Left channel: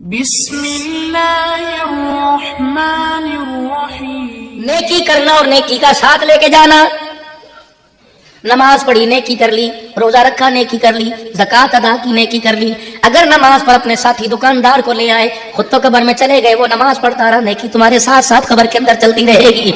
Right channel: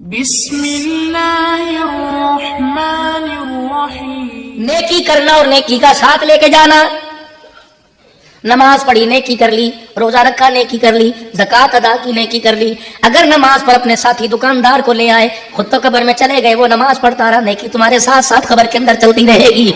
بسم اللہ الرحمن الرحیم۔ نیکی کرنا اور نیکی کا ساتھ لے کے جانا۔ نماز پڑھی نیکی کر لی، روزہ رکھا نیکی کر لی، زکوٰۃ ادا کی نیکی کر لی۔ اگر نماز پر اپنے ساتھی دکاندار کو لے آئے، خود تو قبر میں چلے گئے، وہ نماز پڑھتا رہا، نیکی تمہارے ساتھ ساتھ قبر کے اندر چلتی رہے گی۔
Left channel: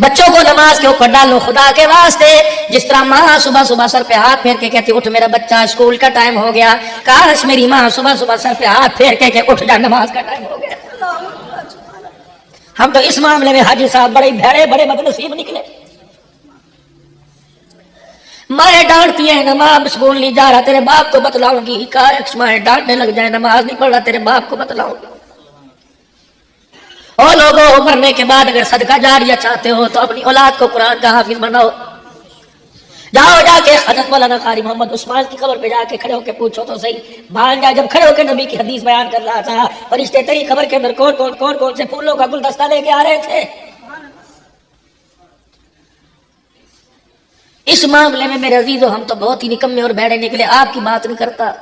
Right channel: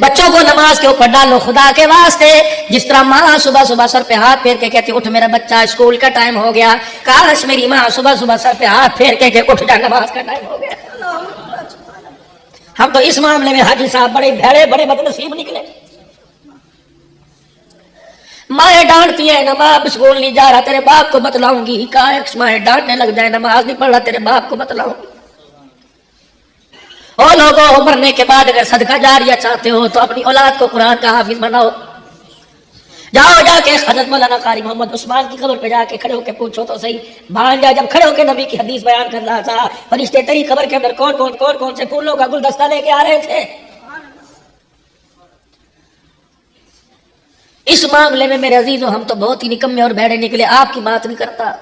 بچوں کو نماز کے اوپر ڈالو خدا کے واسطے، جس طرح ماں صبح صبح سر پہ ہاتھ پھیر کے کہتی اٹھ میرا بچہ اسکول کا ٹائم ہو گیا، کاش میری ماں صبح صبح سر پہ ہاتھ پھیر کے کہ اٹھ جا نماز کا ٹائم ہو گیا۔ ہم تو اس معاملے میں حاجی صاحب بڑے بھڑے بڑے بدنصیب نکلے۔ ماں ڈانٹتی ہے نماز اسکول نہیں جا رہا، تیرے باپ کو بتلاؤں گی، کاش ماں ڈانٹنے لگ جائے نماز نہیں پڑھ رہا، تیرے باپ کو بتلاؤں گی۔ اور لوگوں مرنے کے بعد اگر صدقہ جاریہ چاہتے ہو تو اپنی اولاد کو قرآن کا حافظ بناؤ۔ جاؤ جا کے حضرت مولانا قاری محمد عثمان کی قبر پہ جا کے کھڑے ہو کے پوچھو تو صحیح، بھانجا جب کھڑے ہو کے نبی کی حدیث بیان کر رہا تھا، فرشتے تیری قبر کے اندر کون سے پھولوں کا گلدستہ لے کے آ رہے تھے۔ اس معاملے میں میرے عزیزو ہم تو بہت ہی نکمے اور بھیڑے نکلے، آپ کی بات نہیں کرتا۔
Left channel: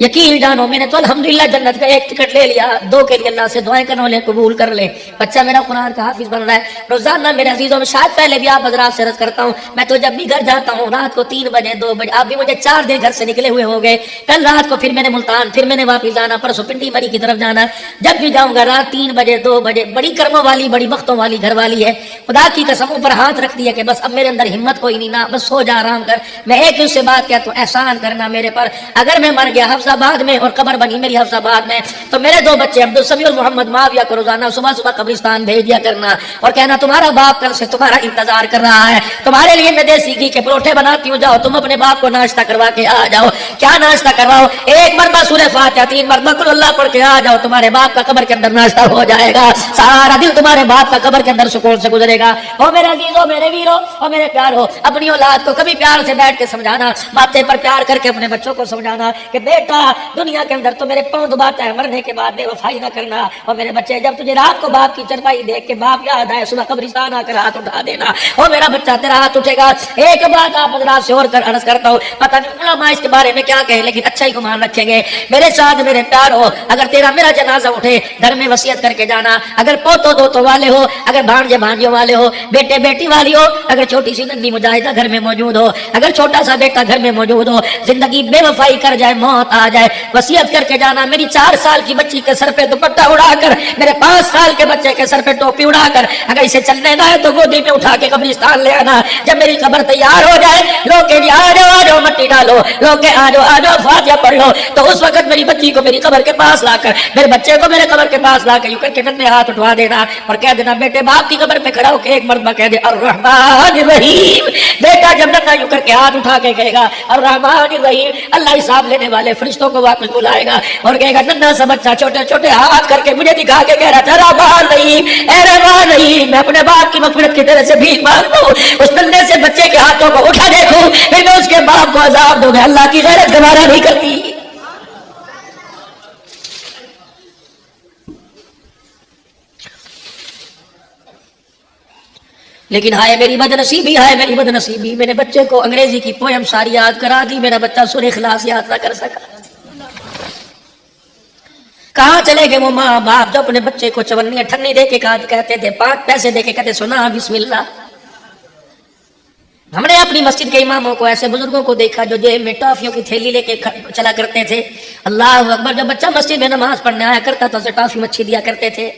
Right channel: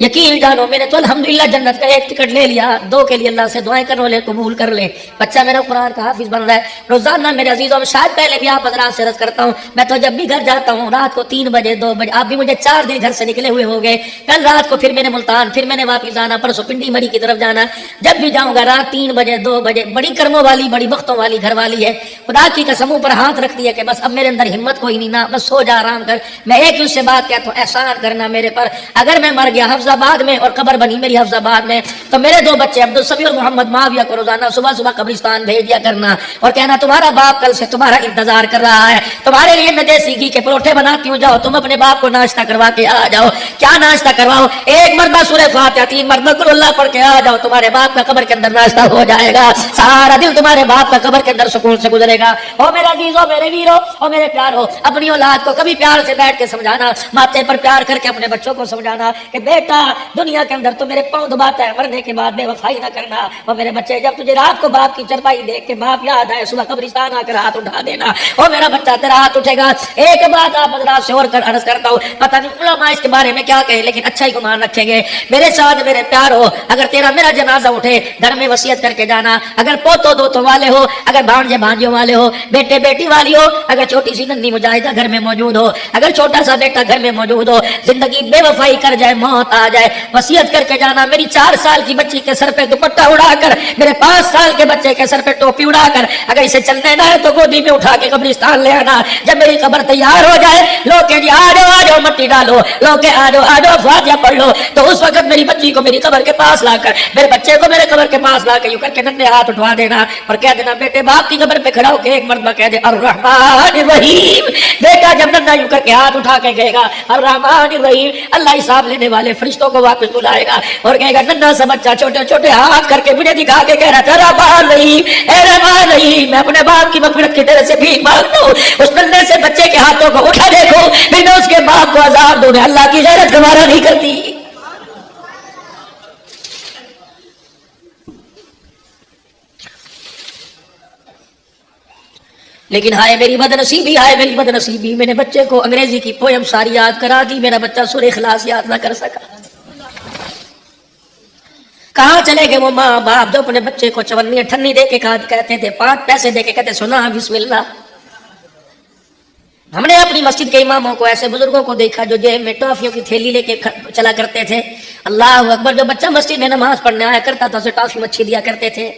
یقین جانو میں نے تو الحمدللہ جنت کا ایک ٹکٹ لے لیا، دو کے لیے اللہ سے دعائیں کرو لے قبول کر لے، بچہ میرا قرآن کا حافظ بن رہا ہے۔ روزانہ میرے عزیزوں میں شاید پہلے بھی آپ حضرات سے عرض کرتا ہوں، میں تو جب بھی گھر جاتا ہوں رات کو 3 بجے 2 بجے، آپ بھی مجھے 4 دن گھر سے نکلے ہوئے ہو گئے، کل رات کو پھر میں نے ملتان، پھر میں نے واپس آنا، پرسوں پنڈی مری کی طرف جانا، جب بھی جاؤں گا رات 3 بجے 2 بجے، بڑی کرموں والی بڑی بختوں والی گھر والی ہے، خدا کی قسموں پر ہاتھ رکھتی ہے کہ بس اب میرے اندر ہمت کوئی نہیں، نہ بس سو جا آرام کر۔ میں ایک اس سے بات کہتا ہوں، احسان کرنا میرے پر، اگر میں مر گیا حفظ آباد میں اور قبر بنی میری حفظ آباد میں تو میرے 2 بچے عبدالسمیع اور محمد معاویہ کو روزانہ صبح صبح قبرستان بھیج دیا کرنا اور کہنا تمہارا باپ کل سے تمہارا انتظار کر رہا ہے، تمہارے لیے میں دیسی گھی کے پروٹھے بناتی ہوں، جاؤ تم اپنے باپ کو ناشتہ کروا کے آ جاؤ۔ کیا ناشتہ کرواؤ؟ 1 مرتبہ سورہ فاتحہ 3 مرتبہ قل اللہ پڑھ کے آ جاؤ، تمہارے باپ کا قبر کے اندر ناشتہ ہو جائے گا، سارا دن تمہارے باپ کا قبر کے اندر سکون سے گزرے گا۔ او میرے عزیزو، میرے ویرو اور میرے پیارو، اپنی اولاد کو کبھی پیار سے بیٹھ کے سمجھانا، ماتھے پر پیار کر کے اپنے بچوں کو سمجھانا کہ بیٹا دنیا کے اندر تو میرے پاؤں دباتا ہے، مرنے کے بعد بے وفائی نہ کرنا، اور میرے بچے جب تجھے رات کو باپ کی چرپائی دیکھ کے باپ یاد آئے صبح قبرستان آ کر ہاتھ اٹھا دینا، اور میرا بچہ تیرا ہاتھ اٹھے گا۔ ایک بات آپ حضرات سے اور کر عرض کرتا ہوں، پتہ نہیں علماء اس کے بارے میں کیا کہیں لیکن اچھا ہی گمان رکھیں گے میرے ساتھ میرے پیارو، اگر تیرا میرا جنازہ اٹھے گھر میں وصیت کر کے جانا، اگر پوتو دوتو والے ہو، اگر بھانجے بھانجیوں والے ہو، بیٹے بیٹی والی ہو، اگر چھوٹی سی ننھی مجاہدہ گھر میں موجود ہو، اگر چھوٹا سا بیٹا گھر میں موجود ہو، زندگی بے وفائی کر جائے موت آ جائے، وصیت کر کے جانا میری 4 سال کی بچی کے سر پہ دوپٹہ اڑا کر، میرے 5 سال کے بچے کے سر پہ ٹوپی اڑا کر، اگر اسے چلنا نہ ہے تو گودی میں اٹھا کے قبرستان لے آنا۔ جب میری قبر تیار ہو جائے لوگ کہ جی آ جاؤ مٹی ڈالو، لوگ کہ آ جاؤ فاتحہ پڑھ لو، تو اس وقت میری بچی کو میری قبر کے پاس لا کر، میرے بچے کو میرے قبر کے پاس لا کر یوں کر کے ننے ہاتھ اٹھوا دینا اور کہہ دینا بیٹے باپ کی قبر پہ کھڑا ہو کے 1 مرتبہ کہہ دے الرحمن الرحیم۔ بیٹا جب ننا یوں کر کے ہاتھ اٹھا کے کہے گا الرحمن الرحیم، اللہ حساب لینے والے فرشتوں کو واپس بلائے گا اور کہے گا ننا سا بچہ چھوٹے چھوٹے ہاتھ کر کے مجھے دکھا کے کہہ رہا تھا رحمان نہیں اے رحمان نہیں، میں اپنے باپ کی مغفرت کی طرح سے بھیک مانگتا ہوں، اس ننے سے بچے کے ہاتھوں کو اٹھا دیکھوں پھر میں اس کے باپ کو عذاب دوں، میں اللہ کی غیرت گوارا نہیں کرتی۔ لیکن ہائے میری بدنصیبی، ہائے میری بدنصیبی، میں نے بچے کو انگریزی کی پوئم ساری یاد کرا دی، میرا بچہ سورہ اخلاص یاد نہ کر سکا۔ کہاں چلے گئے وہ ماں باپ جو اپنے بچے کو 54 58 دے کے کہتے تھے، 5 پیسے دے کے کہتے سنا بسم اللہ۔ ہم نے اپنی مسجد کے اماموں کو، ایسے بزرگوں کو دیکھا جو جیب میں ٹافیوں کی تھیلی لے کے چلا کرتے تھے، اللہ اکبر، جو بچہ مسجد میں نماز پڑھنے آیا کرتا تھا اسے ٹافی مچھی دیا کرتے تھے،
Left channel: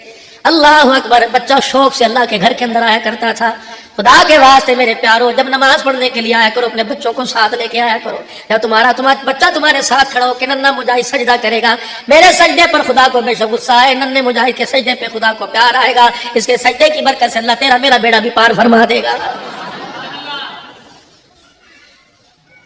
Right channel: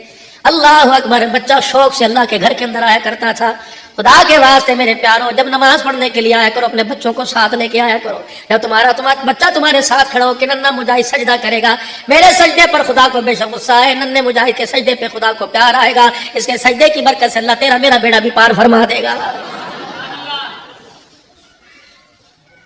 اللہ اکبر، بچہ شوق سے اللہ کے گھر کے اندر آیا کرتا تھا۔ خدا کے واسطے میرے پیارو، جب نماز پڑھنے کے لیے آیا کرو اپنے بچوں کو ساتھ لے کے آیا کرو، جب تمہارا بچہ تمہارے ساتھ کھڑا ہو کہ ننا مجاہد سجدہ کرے گا، میرے سجدے پر خدا کو بے شک غصہ ہے، ننے مجاہد کے سجدے پہ خدا کو پیار آئے گا، اس کے سجدے کی برکت سے اللہ تیرا میرا بیڑا بھی پار فرما دے گا۔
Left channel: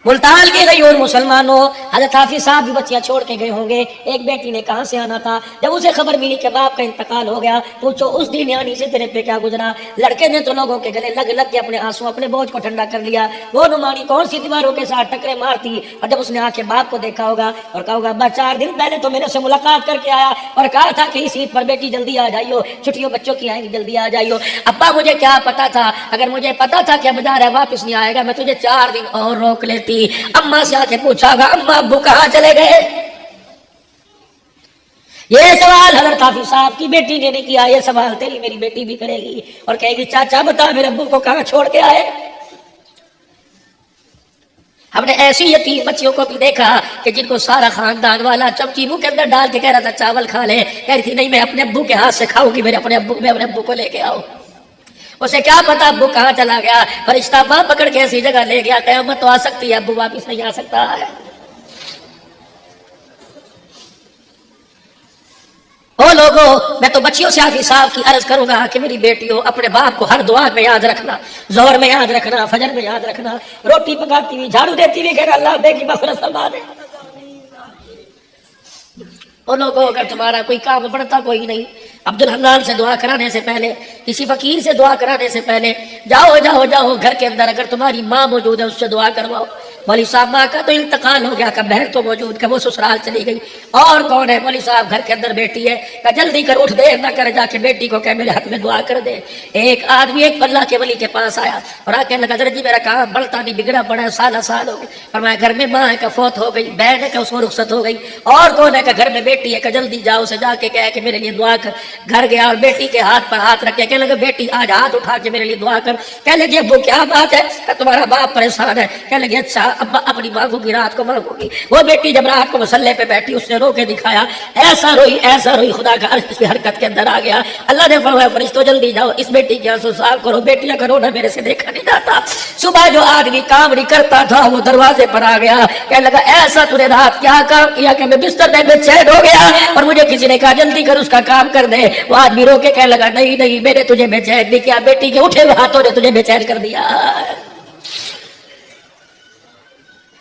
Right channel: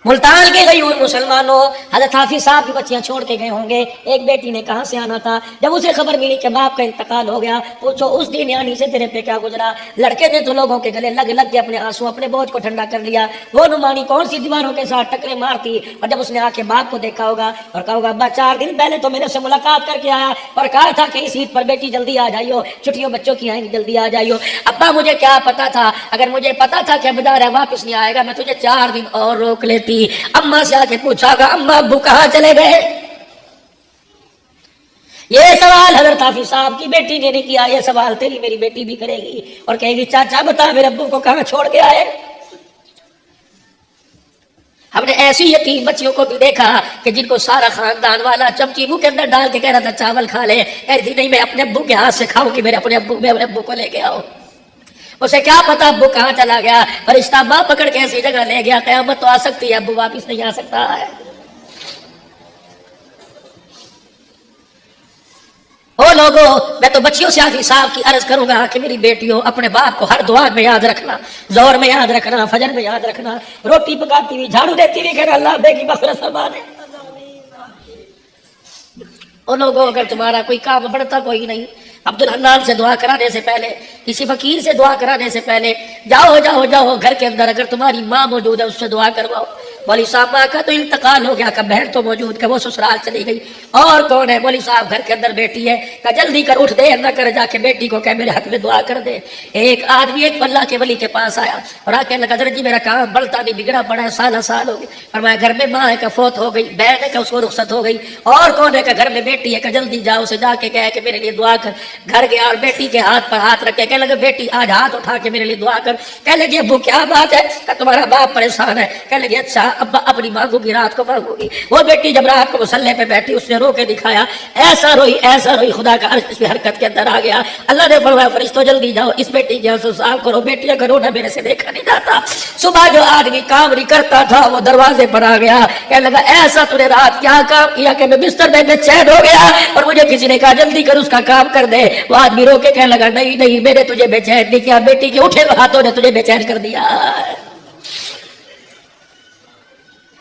ملتان کے گئی اور مسلمانوں، حضرت حافظ صاحب بھی بچیاں چھوڑ کے گئے ہوں گے، ایک بیٹی نے کہاں سے آنا تھا، جب اسے خبر ملی کہ باپ کا انتقال ہو گیا، پوچھو اس دن آنی سے تیرے پہ کیا گزرا۔ لڑکے نے تو لوگوں کے گلے لگ لگ کے اپنے آنسو اپنے بوجھ کو ٹھنڈا کر لیا، وہ نمانی کون سی دیواروں کے ساتھ ٹکرے مارتی، اور جب اس نے آ کے باپ کو دیکھا ہوگا اور کہا ہوگا ابا 4 دن پہلے تو میرے سے ملاقات کر کے آیا اور کہا تھا کہ اس عید پر بیٹی جلدی آ جائیو، چھٹیوں بچوں کی آئیں گی جلدی آ جائیو، ابا مجھے کیا پتا تھا، اگر مجھے پتا تھا کہ اب جا رہا واپس نہیں آئے گا میں تجھے 4 دن اور روک لیتی۔ اماں سے آ کے پوچھا گا اماں ابو کہاں چلے گئے، یہ سوال حضرت حافظ صاحب کی بیٹی نے نہیں کیا، یہ سوال تیری میری بیٹی بھی کرے گی اور کہے گی چاچا بتا میرے ابو کو کہاں چھوڑ کے آئے۔ ہم نے ایسی یتیم بچیوں کو بھی دیکھا کہ جن کو سارا خاندان والا چمچی منہ کے اندر ڈال کے کہہ رہا تھا چاول کھا لے، کہہ رہی تھی نہیں میں اپنے ابو کے ہاتھ سے کھاؤں گی، میرے اپنے ابو کو لے کے آؤ۔ اسے کیا پتا ابو کہاں چلا گیا، فرشتہ ماں پکڑ کے ایسی جگہ لے گیا، قیامت تو آ سکتی ہے ابو واپس نہیں آ سکتا ہے۔ او لوگوں، میں تو بچیوں سے حافظ صاحب کی عرض کروں گا کہ میری بیٹیوں اپنے باپ کو ہر دعا میں یاد رکھنا، زور میں یاد رکھنا، فجر میں یاد رکھنا، روٹی پکاتی ہوئی جھاڑو دیتی ہوئی کہ اللہ بے کی مغفرت فرما دے۔ او لوگوں، اگر تمہارا کوئی کام بڑھتا کوئی نہیں، عبدالحنان سے دعا کرانے سے پہلے، کسی فقیر سے دعا کرانے سے پہلے جاؤ گھر کے اندر، اگر تمہاری ماں موجود ہے اس سے دعا کرواؤ۔ مولوی صاحب ماں کا تو انتقال ہو گیا، کہ بہن تو موجود کہ وہ سسرال چلی گئی، اور کون ہے؟ مولوی صاحب گھر کے اندر بیٹی ہے، کہ جلدی کر اٹھ دے نہ کر، جا کے بیٹی کو کہ میرے حق میں دعا کر دے۔ ایک آدمی ایک اللہ کے ولی کے پاس آیا اور آ کے لگا حضرت جی میرا کام بڑھتا نہیں بگڑا بڑا سال ہو گئے، فرمایا گھر میں ماں ہے کہ فوت ہو گئی، بہن ہے کہ اس کو رخصت ہو گئی، اور کون ہے کہ گھر میں بیٹی ہے، کہ جلدی جاؤ اسے جا کے کہے کہ میرے لیے دعا کر۔ گھر گیا اور بیٹی کے ہاتھ پر ہاتھ رکھے، کہنے لگا بیٹی آج ہاتھ اٹھا کے میرے لیے دعا کر۔ کہنے لگی ابو کیا بات ہے؟ کہ تمہارا باپ پریشان ہے۔ کہنے لگی اچھا ابا اپنی مانگو گی، رات کو مانگو گی۔ وہ بیٹی جب رات کو مصلے پہ بیٹھی اس نے رو کے دکھایا، ایسا روئی خدا کا عرش اس کی حرکت کے اندر آ گیا۔ اللہ نے فرمایا فرشتوں جلدی جاؤ اس بیٹی کی آنسو صاف کرو، بیٹیاں کرو نہ میرے سے دیکھا نہیں جاتا۔ صبح جو آدمی کام نہیں کرتا تھا وہ دروازے پر آ گیا، کہنے لگا ایسا تو نے رات کیا کام کیا کہ میں بستر میں بے چین ہو گیا اور مجھے کسی نے کہا جلدی کر اس کا کام کر دے۔ وہ آدمی رو کے کہنے لگا نہیں میں نے تجھے بے چین نہیں کیا، بیٹی کے اٹھے ہوئے ہاتھوں نے تجھے بے چین کر دیا۔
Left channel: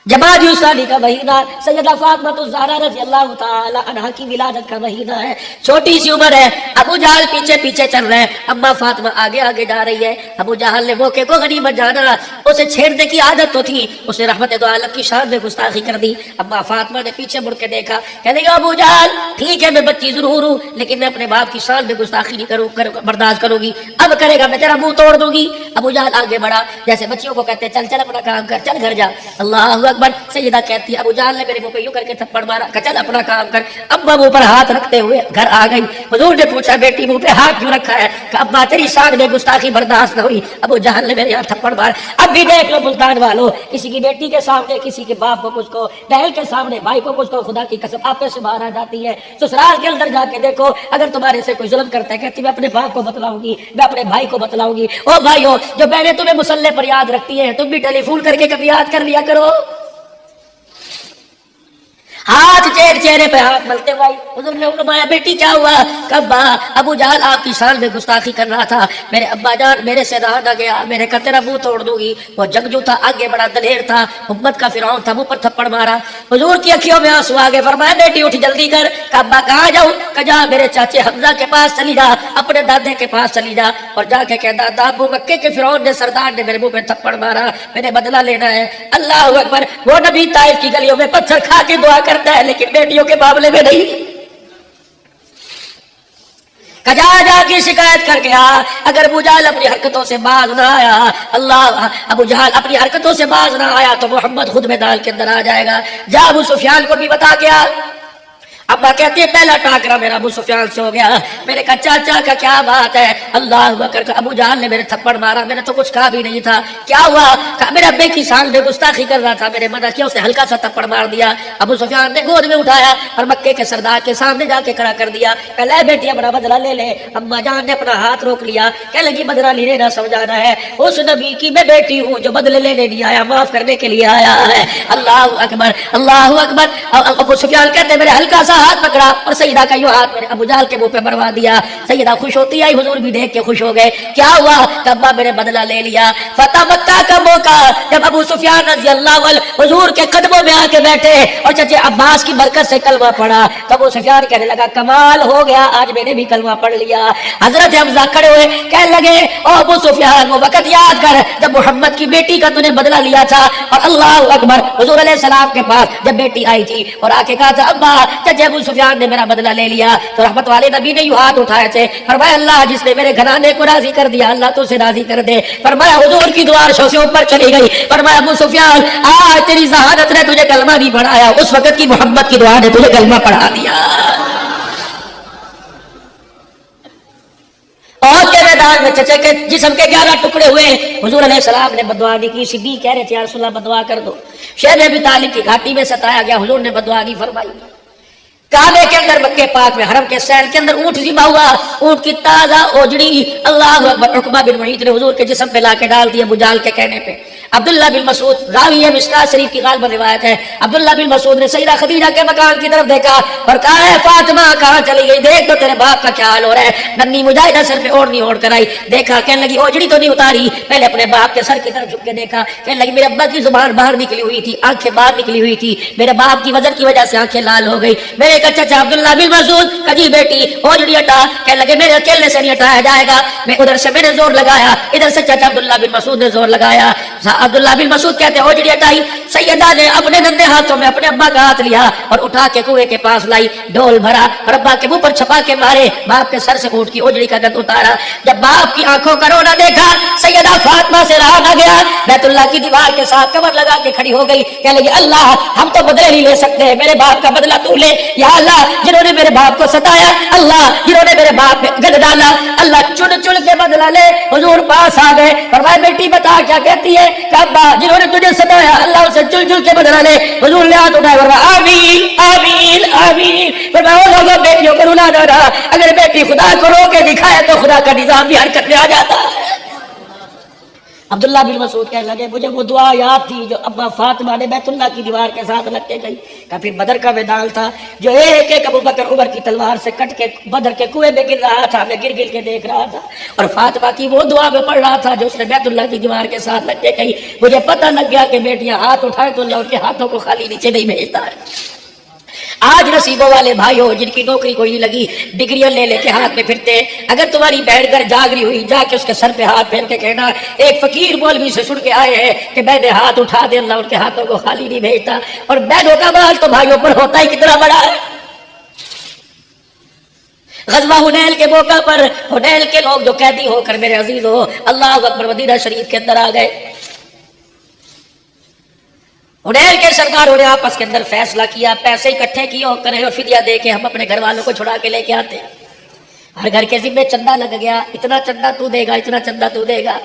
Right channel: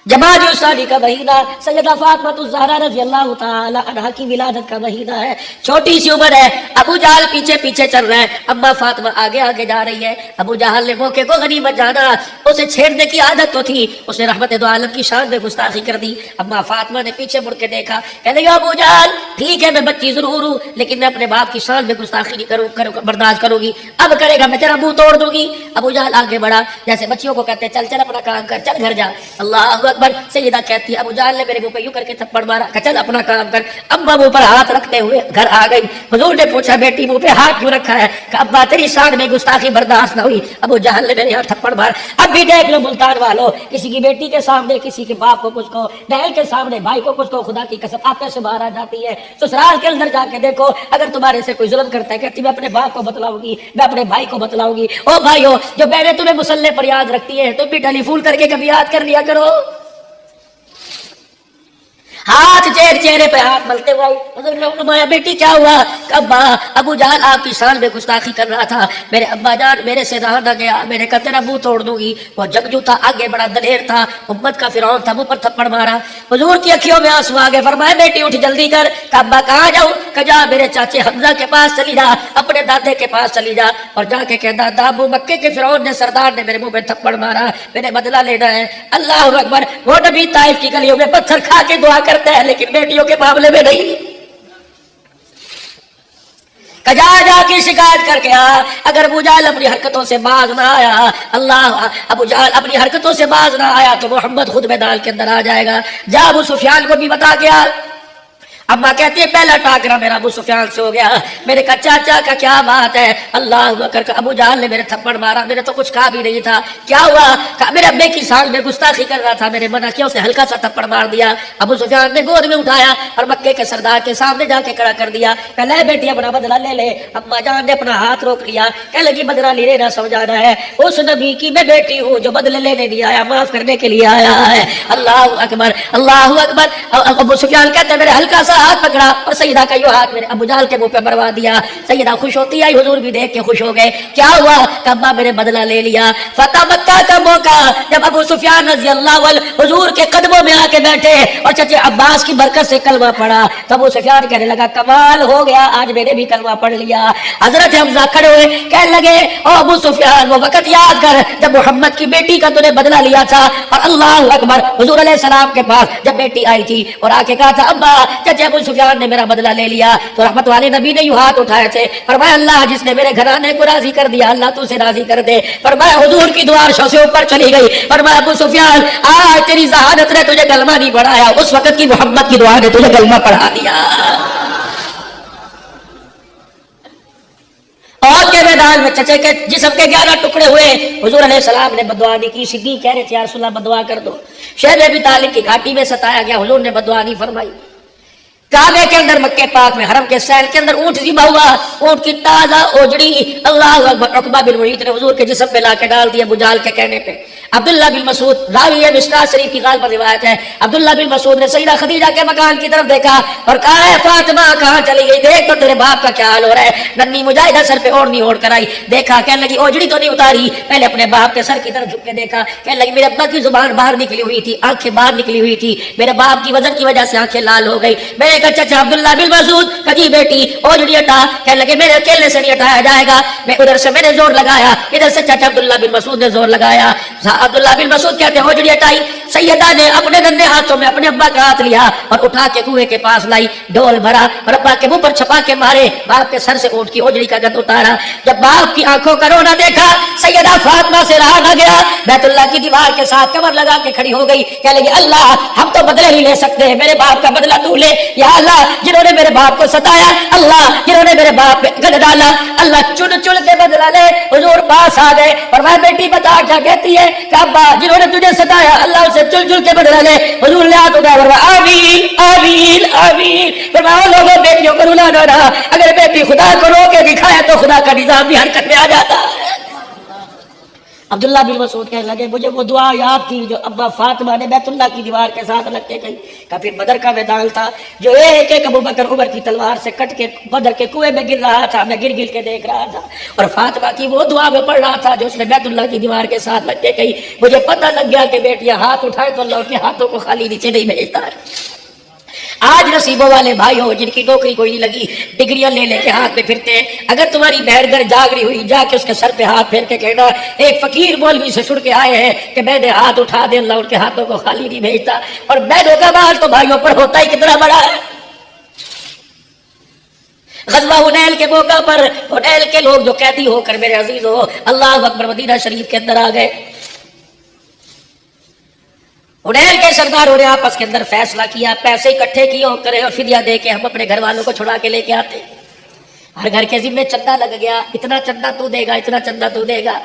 جمادی الثانی کا مہینہ سیدہ فاطمہ الزہرا رضی اللہ تعالی عنہا کی ولادت کا مہینہ ہے، چھوٹی سی عمر ہے، ابو جہل پیچھے پیچھے چل رہے ہیں، اما فاطمہ آگے آگے جا رہی ہے۔ ابو جہل نے موقع کو غنیمت جانا، اسے چھیڑنے کی عادت تو تھی، اس نے رحمت دو عالم کی شان میں گستاخی کر دی۔ اما فاطمہ نے پیچھے مڑ کے دیکھا، کہنے لگا ابو جہل ٹھیک ہے میں بچی ضرور ہوں لیکن میں اپنے باپ کی شان میں گستاخی نہیں برداشت کروں گی، اب کرے گا میں تیرا منہ توڑ دوں گی۔ ابو جہل آگے بڑھا، جیسے بچیوں کو کہتے ہیں چل چل اپنا کام کر، چل گھر جا۔ اللہ اکبر، سیدہ کہتی ہے ابو جہل نے میرے منہ پہ یوں کر کے تھپڑ مارا کہ چل اپنا کام کر۔ ابا منہ پر ہاتھ رکھتے ہوئے گھر آ گئی، حضور نے پوچھا بیٹی منہ پہ ہاتھ کیوں رکھا ہے؟ کہ ابا تیری شان میں گستاخی برداشت نہ ہوئی، ابو جہل نے میرے یہاں تھپڑ مارا۔ اب بھی دیکھ لو ملتان والو، کسی کی بیٹی کے سامنے کسی کے باپ کو کچھ کو، بہن کے سامنے بھائی کو کچھ کو، خدا کی قسم آپے سے باہر آ جاتی ہے۔ سسرال کے اندر جا کے دیکھو اگر تمہارے سے کوئی ظلم کرتا ہے کہتی میں اپنے باپ کو بتلاؤں گی، میں اپنے بھائی کو بتلاؤں گی۔ او بھائیو جو بہنیں تمہیں مصلے پر یاد رکھتی ہیں تم بھی ٹیلی فون کر کے کبھی یاد کر لیا کرو۔ ہاتھ چہرے پہ ہاتھ ملتے ہوئے حضور نے فرمایا بیٹی کیا ہوا؟ ابا ابو جہل آپ کی شان میں گستاخی کر رہا تھا، میرے ابا جان میرے سے رہا نہ گیا، میں نے کہا تیرا منہ توڑ دوں گی۔ وہ جنگجو تھا، آگے بڑا دلیر تھا، امت کا فرعون تھا، منہ پر تھپڑ مارا۔ حضور کی اکھیوں میں آنسو آ گئے، فرمایا بیٹی اٹھ جلدی کر۔ کہ ابا کہاں جاؤں؟ کہ جا میرے چاچے حمزہ کے پاس چلی جا، اپنے دادے کے پاس چلی جا اور جا کے کہہ دادا ابو مکے کے فرعون نے سردار نے میرے منہ پہ تھپڑ مارا، میں نے بدلہ لینا ہے۔ اللہ اکبر، وہ نبی طائف کی گلیوں میں پتھر کھا کے دعا کرتا ہے لیکن بیٹیوں کے معاملے میں نہیں۔ کجا جا کے شکایت کر گیا، اگر ابو جہل اپنی حرکتوں سے باز نہ آیا، اللہ ابو جہل اپنی حرکتوں سے باز نہ آیا تو محمد خود میدان کے اندر آ جائے گا۔ جا ابو سفیان کو بھی بتا گیا۔ ابا کہتے ہیں پہلا ٹاکرا میرا ابو سفیان سے ہو گیا۔ میرے کہا چاچا کا کیا بات ہے؟ اللہ اکبر، ابو جہل نے میرے تھپڑ مارا، میں نے تو کچھ کہا بھی نہیں تھا، کیا ہوا؟ کہا میرے ابے کی شان میں گستاخی کر رہا تھا، میرے منع کیا، اسے ہلکا سا تھپڑ مار دیا۔ ابو سفیان نے گود میں اٹھایا اور مکے کے سردار کے سامنے جا کے کھڑا کر دیا، کہ لے بیٹی اپنا بدلہ لے لے۔ اما جان نے اپنا ہاتھ روک لیا، کہنے لگی بدلہ لینے نہ سمجھانا ہے، اس نبی کی میں بیٹی ہوں جو بدلے لینے نہیں آیا، معاف کرنے کے لیے آیا ہے۔ اللہ اکبر، اللہ اکبر۔ ابو سفیان کہتے میرے ہلکا سا ہاتھ پکڑا اور سیدہ کا یوں ہاتھ میرے ابو جہل کے منہ پہ مروا دیا۔ سیدہ خوش ہوتی آئی، حضور بھی دیکھ کے خوش ہو گئے۔ کیا ہوا؟ کہ ابا میں نے بدلہ لے لیا۔ فتح مکہ کا موقع جب ابو سفیان رضی اللہ عنہ حضور کے قدموں میں آ کے بیٹھے اور چچے عباس کی برکت سے کلمہ پڑھا تو ابو سفیان کہنے لگا کمال ہو گیا، آج میں نے بھی کلمہ پڑھ لیا۔ حضرت حمزہ کھڑے ہوئے کہنے لگے او ابو سفیان وہ وقت یاد کر جب محمد کی بیٹی کا تو نے بدلہ لیا تھا، اور اللہ اکبر حضور علیہ السلام کے پاس جب بیٹی آئی تھی اور آ کے کہا تھا ابا چچے ابو سفیان نے میرا بدلہ لے لیا، تو رحمت والے نبی نے یوں ہاتھ اٹھائے تھے، فرمایا اللہ جس نے میرے گھرانے کو راضی کر دیا اللہ تو اسے راضی کر دے۔ فرمایا حضور کی دعا عرشوں سے اوپر چلی گئی، فرمایا ابو سفیان آج تیری ذہانت نے تجھے کلمہ نہیں پڑھایا، اس وقت کی محمد کی دعا نے تجھے کلمہ پڑھا دیا۔ میدان میں چچے کے جسم کے 11 ٹکڑے ہوئے. حضور علیہ السلام نے بدعا نہیں کی. صدیق کہہ رہے تھے یا رسول اللہ بدعا کر دو. شیخ ابی طالب کی گھاٹی میں ستایا گیا, حضور نے بدعا نہیں فرمائی. کعبے کے اندر مکے پاک میں حرم کے سین کے اندر اونٹ ذبح ہوا, اونٹ کی تازہ اوجڑی اللہ اکبر عقبہ بن معیط نے حضور کے جسم پہ لا کے ڈال دیا ابو جہل کے کہنے پہ. عبداللہ بن مسعود راوی ہے مشکات شریف کی غالب روایت ہے, عبداللہ بن مسعود نے سیدہ خدیجہ کے مکان کی طرف دیکھا اور کہا ہے فاطمہ کہاں چلی گئی, دیکھ تو تیرے باپ کا کیا حال ہو رہا ہے. ننھی مجاہدہ سر پہ اوڑھنی اوڑھ کر آئی, دیکھا کہنے لگی اوجڑی تو نہیں اتاری, پہلے اپنے باپ کے سر کی طرف جھک کے دیکھا, کہنے لگی میرے ابا کی زبان باہر نکلی ہوئی تھی, آنکھیں باہر نکلی ہوئی تھی, میرے باپ کی وزن کی وجہ سے آنکھیں لال ہو گئی. میرے کا چچا عبداللہ بن مسعود کجی بیٹی اوجڑی ہٹا, کہنے لگے میرے اکیلے سے نہیں ہٹایا جائے گا. میں ادھر سے میں نے زور لگایا, ادھر سے چچا عبداللہ بن مسعود نے زور لگایا. عبداللہ بن مسعود کہتے ہیں اوجڑی ہٹائی. سیدہ نے اپنے گندے ہاتھوں میں اپنے ابا کا ہاتھ لیا اور اٹھا کے کنویں کے پاس لائی, ڈول بھرا اور ابا کے منہ پر چھپا کے مارے, باپ کے سر سے اونٹ کی اوجڑی کا گند اتارا. جب باپ کی آنکھوں کا رونا دیکھا سیدہ فاطمہ سے رہا نہ گیا, بیت اللہ کی دیوار کے ساتھ کمر لگا کے کھڑی ہو گئی. کہنے لگی اللہ ہم تو بدلہ نہیں لے سکتے, میرے باپ کا بدلہ تو لے. یا اللہ جنہوں نے میرے باپ کو ستایا, اللہ جنہوں نے میرے باپ پہ گند ڈالا, اللہ چن چن کے بدلہ لے. حضور پاس آ گئے اور میں بیٹی بتا کیا کہتی ہے کہ ابا جنہوں نے تجھے ستایا اللہ اسے چل چل کے بدلہ لے. حضور نے ہاتھ اٹھائے اور آمین آمین آمین. فرمایا لوگوں بیٹیوں کو رلانا نہ, اگر بیٹی خدا کو رو کے دکھایا تو خدا کا نظام بھی حرکت میں آ جاتا. عبداللہ بن مسعود کہنے لگے مجھے وہ دعا یاد تھی جو ابا فاطمہ نے بیت اللہ کی دیوار کے ساتھ رکھ کے گئی. کہ پھر بدر کا میدان تھا جو ایک ایک ابو بکر عمر کی تلوار سے کٹ کے بدر کے کنویں میں گر رہا تھا, میں گر گر کے دیکھ رہا تھا اور فاطمہ کی وہ دعا میں پڑھ رہا تھا جو اس نے بیت اللہ کی دیوار کے ساتھ رکھ کے گئی. مجھے پتہ لگ گیا کہ بیٹیاں ہاتھ اٹھائے تو اللہ کے ہاتھوں کو خالی نیچے نہیں بھیجتا ہے. آج نصیبوں والے بھائیوں جن کی نوکری کوئی نہیں لگی, ڈگریوں لے لے کے ہاتھ میں پھرتے, اگر تمہاری بہن گھر جاگ رہی ہوئی جا کے اس کے سر پہ ہاتھ پھیر کے کہنا ایک فقیر مولوی سے سن کے آئے ہیں کہ میں نے ہاتھ اٹھا دے اللہ ان کے ہاتھوں کو خالی نہیں بھیجتا. اور بہنوں کا مال تو بھائیوں پر ہوتا ہی کتنا بڑا ہے. غزوہ حنین کے موقع پر حنین کے لوگ جو قیدی ہو کر میرے عزیز ہو اللہ اکبر مدینہ شریف کے اندر آ گئے. حنین کے سرداروں نے آپس کے اندر فیصلہ کیا پیسے اکٹھے کیے اور کرے اور فدیہ دے کے ہم اپنے گھر والوں کو چھڑا کے لے کے آتے. ہر گھر کے ذمہ چندہ لگ گیا, اتنا چندہ تو دے گا, اتنا چندہ تو دے گا.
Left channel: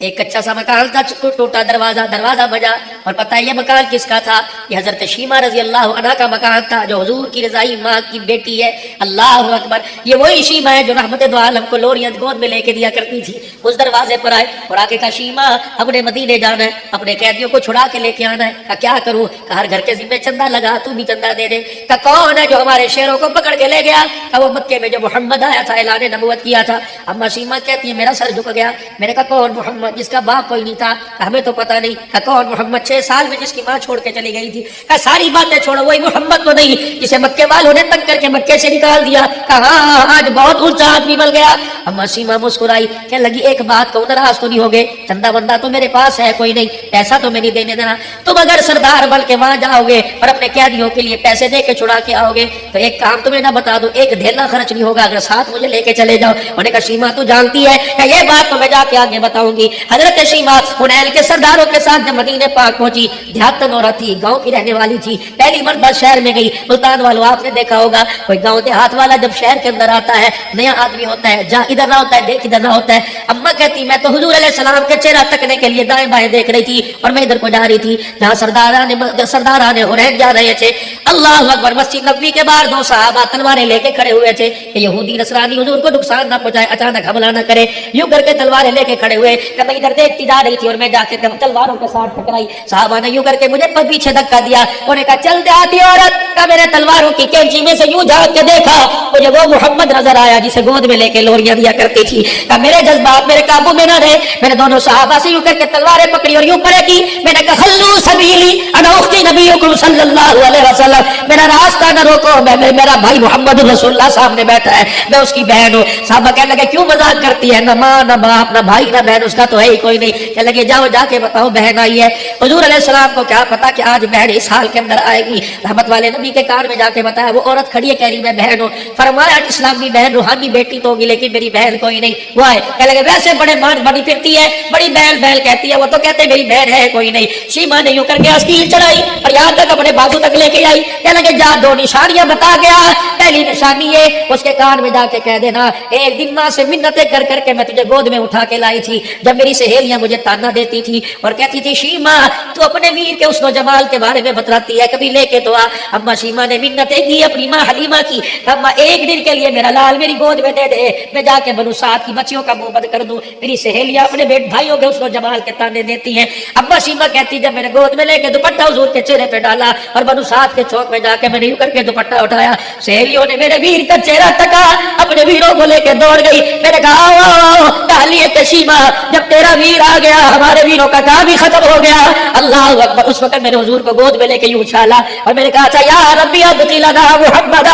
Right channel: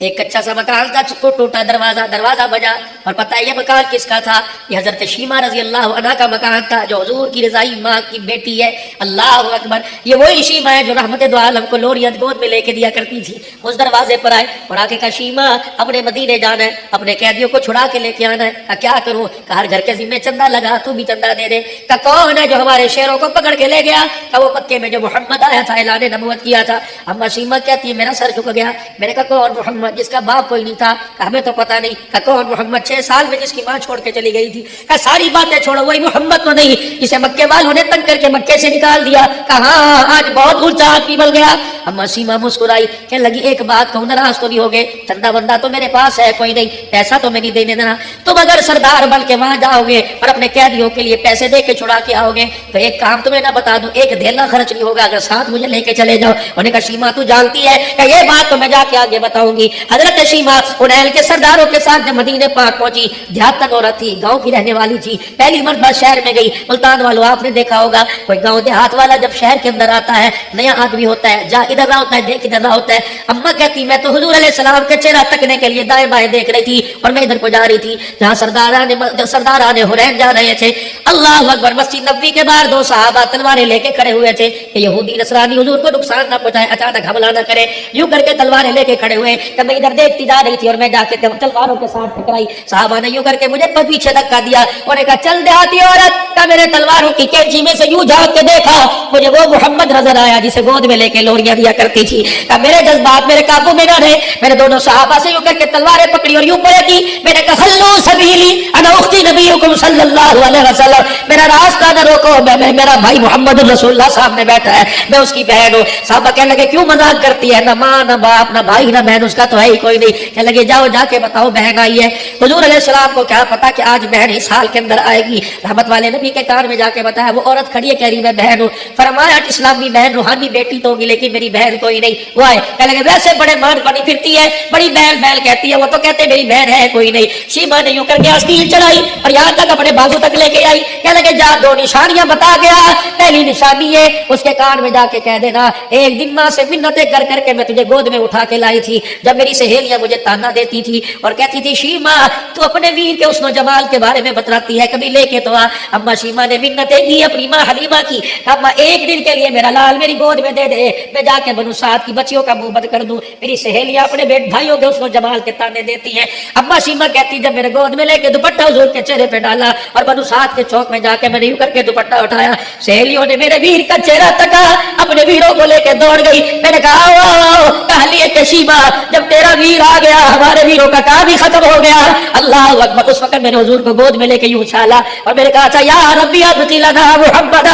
ایک کچا سا مکان تھا, ٹوٹا دروازہ بجا اور پتہ ہے یہ مکان کس کا تھا؟ یہ حضرت شیمہ رضی اللہ عنہ کا مکان تھا جو حضور کی رضائی ماں کی بیٹی ہے. اللہ اکبر, یہ وہی شیمہ ہے جو رحمت دو عالم کو لوریاں گود میں لے کے دیا کرتی تھی. اس دروازے پر آئے اور آ کے کہا شیمہ اپنے مدینے جانا ہے, اپنے قیدیوں کو چھڑا کے لے کے آنا ہے. کہا کیا کروں؟ کہا ہر گھر کے ذمہ چندہ لگا, تو بھی چندہ دے دے. کہا کون ہے جو ہمارے شیروں کو پکڑ کے لے گیا؟ کہا وہ مکے میں جو محمد آیا تھا اعلان نبوت کیا تھا. اما شیمہ کہتی ہے میرا سر جھک گیا. میں نے کہا کون محمد جس کا باپ کوئی نہیں تھا؟ ہمیں تو پتہ نہیں. کہا کون محمد 6 سال میں جس کی ماں چھوڑ کے چلی گئی تھی. کہا ساری باتیں چھوڑو, وہی محمد تو نہیں جسے مکے والوں نے تنگ کر کے مکے سے نکال دیا. کہا ہاں آج بہت اونچا آدمی مل گیا. اما سیما مسکرائی, کہنے لگی ایک بات کہوں ناراض تو نہیں ہو گئے؟ چندہ بندہ تو میرے پاس ہے کوئی نہیں, ایسا تو میں نہیں دینے دینا. تم اگر سردار بن کے وہاں جاؤ گے اور اپنے قیدیوں کے لیے پیسے دے کے چھڑا کے آؤ گے تو ایک کام تمہیں نہ بتا دوں, ایک دھیلا خرچ نہیں ہوگا اگر ساتھ مجھے لے کے چلے جاؤ. انہوں نے کہا شیما تو جانتی ہے کہ یہ بات تو میں جا کے آگے بتاؤں گی. حضرت شیما حنین کے سرداروں کے ساتھ جب مدینے پاک پہنچی, دیہاتن عورت تھی, گاؤں کی رہنے والی تھی, پہلی مرتبہ شہر میں گئی. ملتان والوں آپ نے دیکھا ہوگا کوئی گاؤں دیہات والا جب شہر کے اندر آتا ہے نیا آدمی ہوتا ہے, جا ادھر نہ ہوتا ہے, دیکھ ادھر نہ ہوتا ہے. اما کہتی میں تو حضور علیہ السلام کے چہرہ تکنے کے لیے دائیں بائیں دیکھ رہی تھی اور میں ادھر کو جا رہی تھی جہاں سرداران حنین جا رہے تھے. اللہ اکبر, مسجد نبوی کے باہر 2 صحابہ تلواریں لے کے کھڑے ہوئے تھے کہ یہودی نصرانی حضور کو نقصان نہ پہنچائے, اچانک حملہ نہ کرے. یوں کر کے تلواریں لے کے کھڑے ہوئے کہ میں ادھر دیکھتی جا رہی تھی اور میں جا کے تلواروں کے ساتھ ٹکرائی. صحابہ نے یوں کر کے مجھے پیچھے دھکا دیا. انہوں نے کہا چل دیہاتی عورت, کہ میں نے تلواروں کی کینچی میں سے یوں جھانک کے دیکھا, مجھے وہ محمد نظر آیا جسے گود میں لے کے لوریاں دیا کرتی تھی. کہ میرے جذبات میرے قابو میں نہ رہے, میں نے دونوں صحابہ سے یوں کر کے تلواریں پکڑی اور یوں پڑا کی. میں نے کہا خلو سبیلی انا اختی نبیکم صلی اللہ علیہ وسلم, میرا راستہ نہ روکو, میں میرا بھائی محمد رسول اللہ سامنے بیٹھا ہے, میں اس کی بہن ہوں. صحابہ کہنے لگے کیوں مذاق کرتی ہے, نہ ماں نہ باپ نہ بھائی نہ بہن, اس کا تو تو ہے ہی کوئی نہیں. کہنے لگے جاؤ جا کے بتاؤ بہن آئی ہے. حضور علیہ السلام کو کیا پتا کہ آج بہن اس حال کے اندر آئے گی. رحمت والے نبی کے کار میں جا کے بتایا. وہ عورت کھڑی ہے کہہ رہی میں بہن ہوں. فرمایا اسلامی بہن روحانی بیٹی تو ہوگی لیکن میری بہن کوئی نہیں. وہ ہے کہنے لگے ویسے بڑے بڑی پھرتی ہے, بڑی بہن بہن کہتی ہے, وہ تو کہتے میری بہن ہے کوئی نہیں. شیما نے یوں کر کے آستین چڑھائی اور یہاں تک اپنے بازو تک لے کے آئی. کہنے لگے جا دو نشانیاں بتا گیا. پہلی نشانی ہے اس کے کار میں جا کے کہہ دینا ایک دن ماں سے منتیں کر کر کے میں تجھے گود میں اٹھا کے لائی تھی. جب میری سہیلیاں مجھے تانا دیتی تھی اور کہتی تھی شیما تو اپنے ویر کے حسن و جمال کے بارے میں بتلاتی ہے, کبھی لے کے تو آ. اما شیما نے منتیں کی اپنی ماں حلیمہ کی. اما ایک دن کے لیے میرا لال میری گود میں دے دے, میں جا کے بنو سعد کی بچیوں کا منہ بند کر دوں. میری سہیلیاں اپنے بیٹ بھائیوں کے حسن و جمال کے تانے دیتی ہیں. اما شیما کہتی جب میرے گود میں لے کے دوپٹہ حضور کے چہرے پہ ڈالا اور بنو سعد کے چوک میں جا کے میں نے یوں کر کے دوپٹہ اٹھایا, سہیلیوں نے میرے ویر کا چہرہ تکا, اپنے ویروں کو لے کے دوڑ گئی. میں نے کہا تہلیے کے شیما جب تیرا ویر آ گیا ہمارے ویروں کا کام ہی ختم ہو گیا. اللہ اکبر. اس وقت میرے حضور کو گود میں لے کے یوں اچھالا اور میں نے کہا اچھا یا ربی ابتی لنا محمد,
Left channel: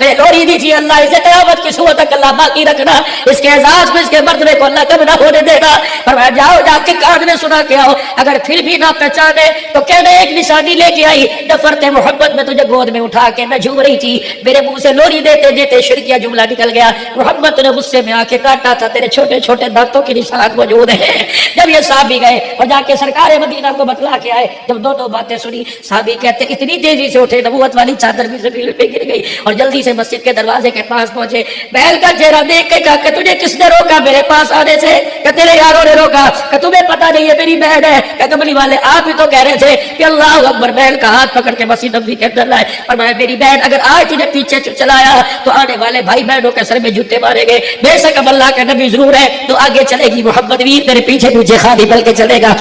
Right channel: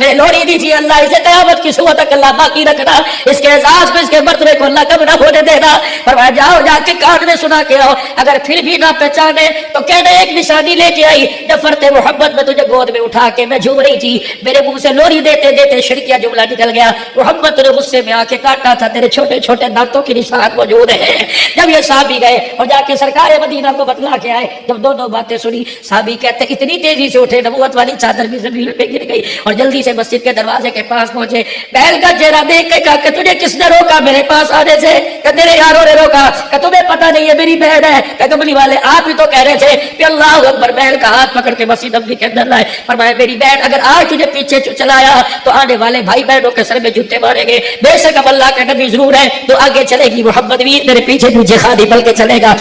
میں لوری دی تھی اللہ اسے قیامت کی صبح تک اللہ باقی رکھنا, اس کے اعزاز کو اس کے مرتبے کو اللہ کم نہ ہونے دینا. اور میں جاؤ جا کے کان میں سنا کے آؤ, اگر پھر بھی نہ پہچانے تو کہنا ایک نشانی لے کے آئی. نفرت محبت میں تجھے گود میں اٹھا کے میں جھوم رہی تھی, میرے منہ سے لوری دیتے دیتے شرکیہ جملہ نکل گیا. محمد نے غصے میں آ کے کاٹا تھا تیرے چھوٹے چھوٹے دانتوں کی نشان موجود ہے. جب یہ صحابی گئے اور جا کے سرکار مدینہ کو بتلا کے آئے, جب دونوں باتیں سنی صحابی کہتے اتنی تیزی سے اٹھے نبوت والی چادر بھی زمین پہ گر گئی اور جلدی سے مسجد کے دروازے کے پاس پہنچے. بہن کا چہرہ دیکھ کے کہا کہ تجھے کس نے روکا میرے پاس آنے سے؟ کہ تیرے یاروں نے روکا. کہ تمہیں پتہ نہیں ہے میری بہن ہے؟ کہ کملی والے آپ ہی تو کہہ رہے تھے کہ اللہ اکبر. بہن کا ہاتھ پکڑ کے مسجد نبوی کے اندر لائے. فرمایا میری بہن اگر آج تجھے پیچھے چلایا تو آنے والے بھائی بہنوں کے سر میں جوتے مارے گے. بے شک اب اللہ کا نبی ضرور ہے تو آگے چلے گی, محمد ویر میرے پیچھے پیچھے خالی بل کے چلے گا.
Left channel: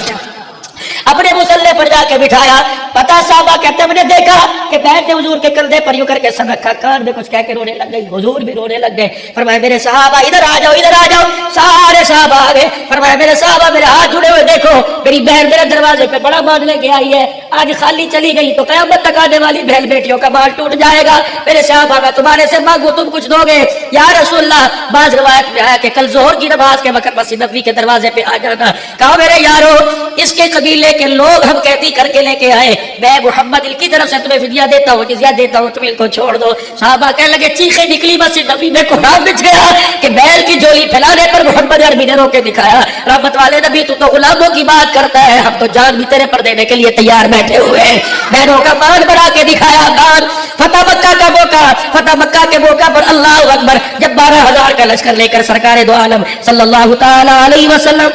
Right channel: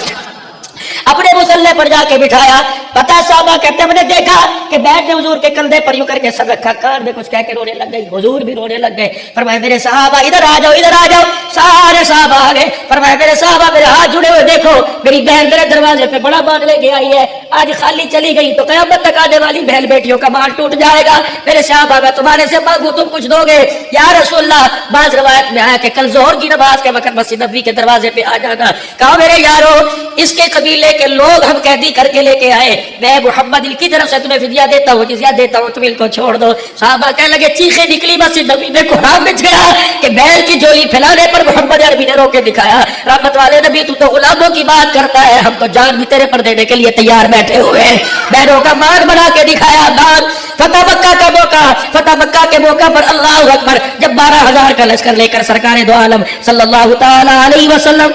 اپنے مسلح پر جا کے بٹھایا. پتا صحابہ کہتے میں نے دیکھا کہ بہن نے حضور کے کندھے پر یوں کر کے سر رکھا, کان میں کچھ کہہ کے رونے لگ گئی. حضور بھی رونے لگ گئے. فرمایا میرے صحابہ ادھر آ جاؤ, ادھر آ جاؤ. سارے صحابہ آ گئے. فرمایا میرے صحابہ میرے ہاتھ جڑے ہوئے دیکھو, میری بہن میرے دروازے پہ بڑا مال لے کے آئی ہے. آج خالی چلی گئی تو قیامت تک آنے والی بہن بیٹیوں کا مال ٹوٹ جائے گا. میرے صحابہ میں تمہارے سے مانگو تم کچھ دو گے؟ یا رسول اللہ بعض روایت میں آیا کہ کل ظہر کی نماز کے وقت مسجد نبوی کے دروازے پہ آ جانا. کہا میرے یارو اس کے قبیلے کے لوگ ہم قیدی کر کے لے کے آئے, میں محمد ان کی طرف سے تمہیں فدیہ دیتا ہوں, جزیہ دیتا ہوں, تم ان کو چھوڑ دو. صحابہ کہنے لگے چیخیں نکلی مسجد نبوی میں قرآن بچ گیا کہ بیل کی جولی پھیلانے پر محمد عربی نے رو کے دکھایا. رحمت والے نبی تو غلاموں کی بات کرتا ہے, ہم تو جان بھی تیرے پر دینے کے لیے تیار بیٹھے ہوئے. بہنوں کا مان بنا کے دکھایا. دان فتح مکہ کا موقع, فتح مکہ کے موقع پر اللہ اکبر جب 12,000 کا لشکر لے کر سرکار دو عالم صلی اللہ تعالی علیہ وسلم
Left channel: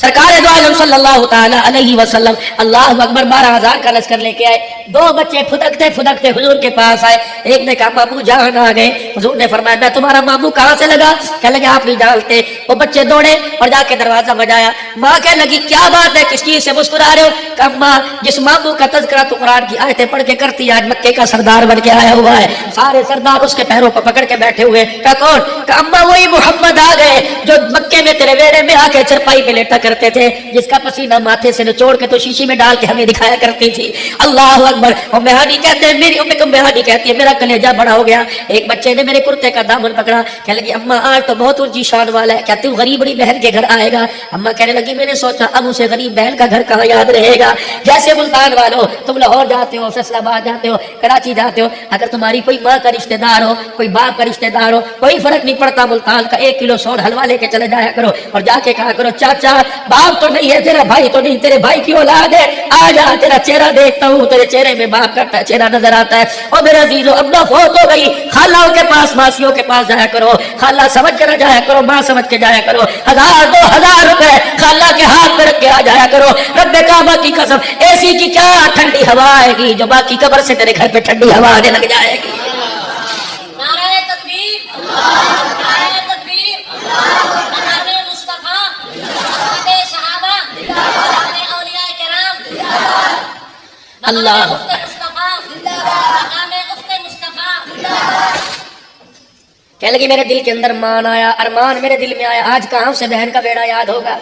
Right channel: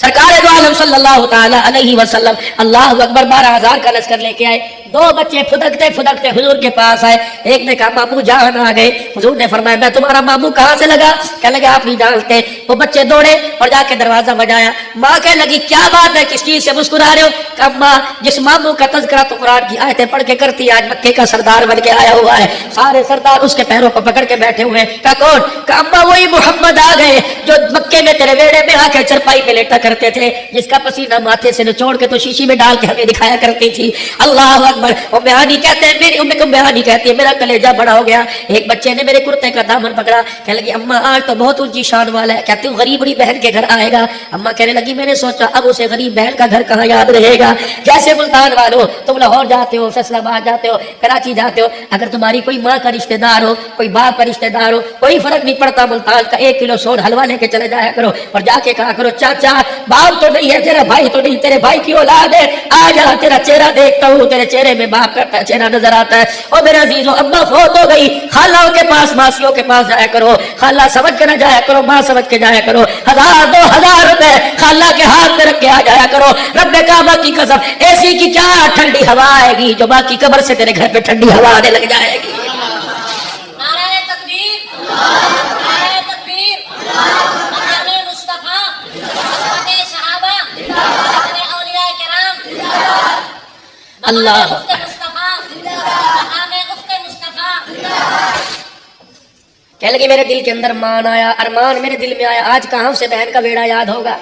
سرکار دو عالم صلی اللہ تعالی علیہ وسلم اللہ اکبر 12,000 کا لشکر لے کے آئے. دو بچے پھدکتے پھدکتے حضور کے پاس آئے. ایک نے کہا مامو جان آ گئے. حضور نے فرمایا میں تمہارا مامو کہاں سے لگا؟ کہنے لگا آپ نہیں جانتے. وہ بچے دوڑے اور جا کے دروازہ بجایا. ماں کہنے لگی کیا بات ہے, کس چیز سے مسکرا رہے ہو؟ کہا ماں جس مامو کا تذکرہ تو قرآن کی آیتیں پڑھ کے کرتی ہے آج مکے کا سردار بن کے آیا ہوا ہے. سارے سردار اس کے پیروں کو پکڑ کے بیٹھے ہوئے. کہا کون؟ کہا اماں وہی محمد آ گئے جو مکے میں تیرے ویڑے میں آ کے چرپائی پہ لیٹا کرتے تھے, جس کا پسینہ ماتھے سے نچوڑ کے تو شیشی میں ڈال کے ہمیں دکھایا کرتی تھی. اللہ اکبر. اور مہانی کہتے ہیں میری مہانی کہتی ہے میرا کلیجہ بڑا ہو گیا. ایک بچے نے میرے کرتے کا دامن پکڑا, کہنے لگی اماں آج تو بہت اونچی شان والا ہے, کہتی ہوں غریب بڑی بہن کے گھر آئے گا. اماں کہنے لگی میں نے سوچا اب اسے غریب بہن کا گھر کہاں یاد رہے گا. جیسے ملتان والو تم لاہور جاتے ہو, فیصل آباد جاتے ہو, کراچی جاتے ہو, اگر تمہاری کوئی ماں کا رشتہ دار ہو, کوئی باپ کا رشتہ دار ہو, کوئی فرق نہیں پڑتا, ملتان کا 1 کلو سور حلوہ لے کے چلے جایا کرو اور جا کے کہا کرو چاچا باپ تو نہیں ہے تیرا بھائی تو نہیں, تیرے بھائی کی اولاد ہے, آ جا تیرا چہرہ دیکھتا ہوں, تیرے چہرے میں باپ کا چہرہ نظر آتا ہے. اور میرے عزیزو اپنا فوت ہو گئی, خالوں کے پاس ماسیوں کے پاس جایا کرو, خالہ سمجھ کے نہ جایا کرو, ماں سمجھ کے جایا کرو. 1000-2000 روپے خالہ کے ہاتھ میں رکھ کے آ جایا کرو. رب کعبہ کی قسم اے سی کی کیا ٹھنڈی ہوا آئے گی جو باقی قبر سے تیرے گھر پہ ٹھنڈی ہوا آنے لگ جائے گی. نعرہ تکبیر, نعرہ تکبیر, نعرہ مصطفیٰ, نعرہ صحابہ, نعرہ اولیاء کرام, اللہ مصطفیٰ, نعرہ مصطفیٰ. کہنے لگی میرے دل کے اندر مان آیا, ارمان میرے دل میں آیا, آج کہاں سے بہن کا بیڑا یاد ہوگا.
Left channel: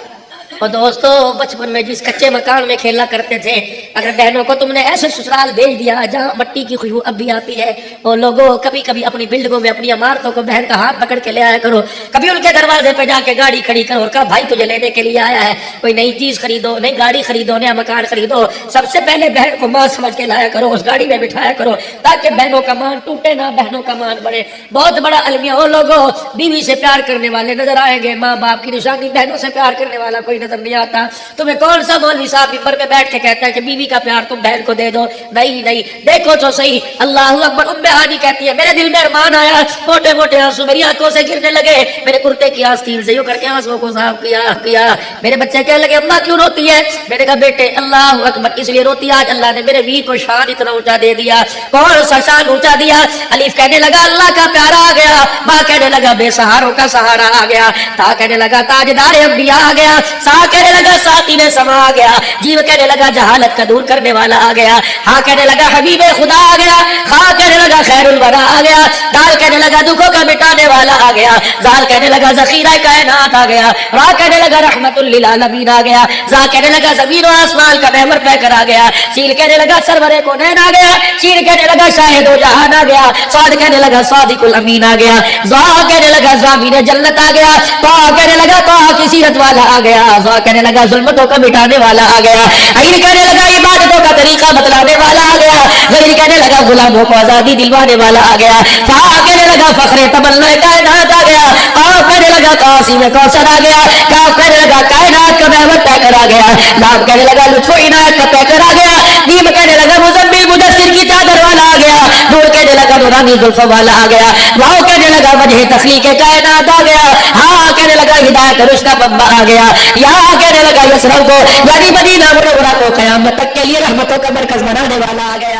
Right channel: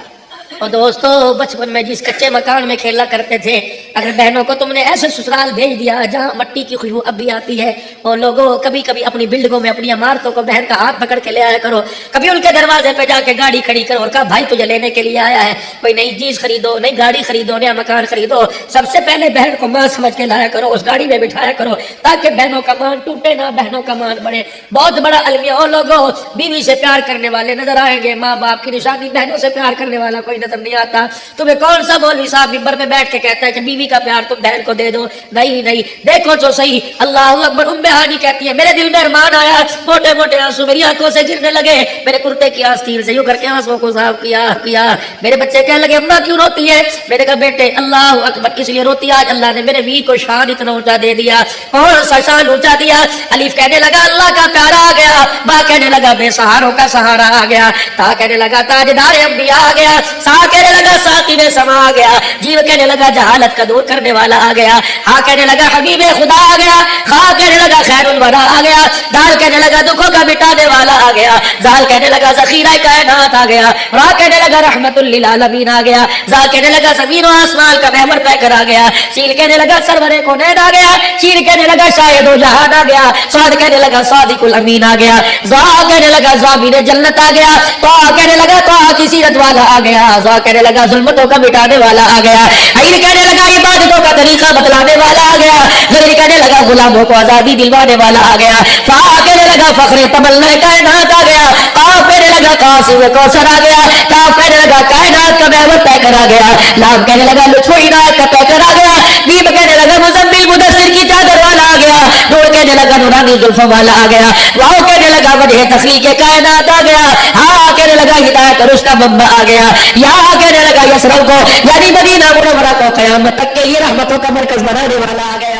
اور دوستو بچپن میں جس کچے مکان میں کھیلا کرتے تھے، اگر بہنوں کو تم نے ایسے سسرال بھیج دیا جہاں مٹی کی خوشبو اب بھی آتی ہے، اور لوگوں کبھی کبھی اپنی بلڈنگوں میں اپنی عمارتوں کو بہن کا ہاتھ پکڑ کے لے آیا کرو، کبھی ان کے دروازے پہ جا کے گاڑی کھڑی کرو اور کہا بھائی تجھے لینے کے لیے آیا ہے، کوئی نئی چیز خریدو، نئی گاڑی خریدو، نیا مکان خریدو، سب سے پہلے بہن کو ماں سمجھ کے لایا کرو، اس گاڑی میں بٹھایا کرو تاکہ بہنوں کا مان ٹوٹے نہ، بہنوں کا مان بڑھے۔ بہت بڑا المیہ ہو لوگوں، بیوی سے پیار کرنے والے نظر آئیں گے، ماں باپ کی نشانی، بہنوں سے پیار کرنے والا کوئی نظر نہیں آتا۔ تمہیں کون سا مولوی صاحب ممبر پہ بیٹھ کے کہتا ہے کہ بیوی کا پیار تم بہن کو دے دو؟ نہیں نہیں، دیکھو تو صحیح، اللہ اکبر۔ ام ہانی کہتی ہے میرے دل میں ارمان آیا، موٹے موٹے آنسو میری آنکھوں سے گرنے لگے، میرے کرتے کی آستین سے یوں کر کے آنسوں کو صاف کیا۔ میرے بچے کہنے لگے اماں کیوں روتی ہے؟ میں نے کہا بیٹے اللہ اکبر، اس لیے روتی آج اللہ نے میرے وی کو شان اتنا اونچا دے دیا۔ کون سا شان اونچا دیا؟ الف کہنے لگا اللہ کا پیارا آ گیا، با کہنے لگا بے سہاروں کا سہارا آ گیا، تا کہنے لگا تاجدار انبیاء آ گیا، سا کہنے لگا ساتھی میں سما آ گیا، جیو کہنے لگا جہالت کا دور کرنے والا آ گیا، ہاں کہنے لگا حبیب خدا آ گیا، ہاں کہنے لگا خیر الورا آ گیا، دال کہنے لگا دکھوں کا مٹانے والا آ گیا، زال کہنے لگا ذخیرہ کائنات آ گیا، را کہنے لگا رحمت للعالمین آ گیا، زا کہنے لگا زمین و آسمان کا محور پہ کر آ گیا، سیل کہنے لگا سرور کونین آ گیا، شیر کہنے لگا شاہد و جہان آ گیا، صاد کہنے لگا صادق الامین آ گیا، زا کہنے لگا زامین جنت آ گیا، طا کہنے لگا طا کی سیرت والا آ گیا، زا کہنے لگا ظلمتوں کا مٹانے والا آ گیا، عین کہنے لگا عبادتوں کا طریقہ بتلانے والا آ گیا، غیر کہنے لگا غلاموں کو آزادی دلوانے والا آ گیا، فا کہنے لگا فخر تمنا کائنات آ گیا، قاف کہنے لگا قاسم کوثر آ گیا، کاف کہنے لگا کائنات کا محور طے کر آ گیا، لام کہنے لگا لطف و عنایت کا طے کر آ گیا، میم کہنے لگا مزمل مدثر کی چادر والا آ گیا، نور کہنے لگا نورانی زلف والا آ گیا، واؤ کہنے لگا وجہ تخلیق کائنات آ گیا، ہاں کہنے لگا ہدایت رشتہ بمبا آ گیا، یا کہنے لگا یسرم کو یعنی مدینہ منورہ کو قیامت تک کے لیے رحمتوں کا مرکز بنانے والا آ گیا۔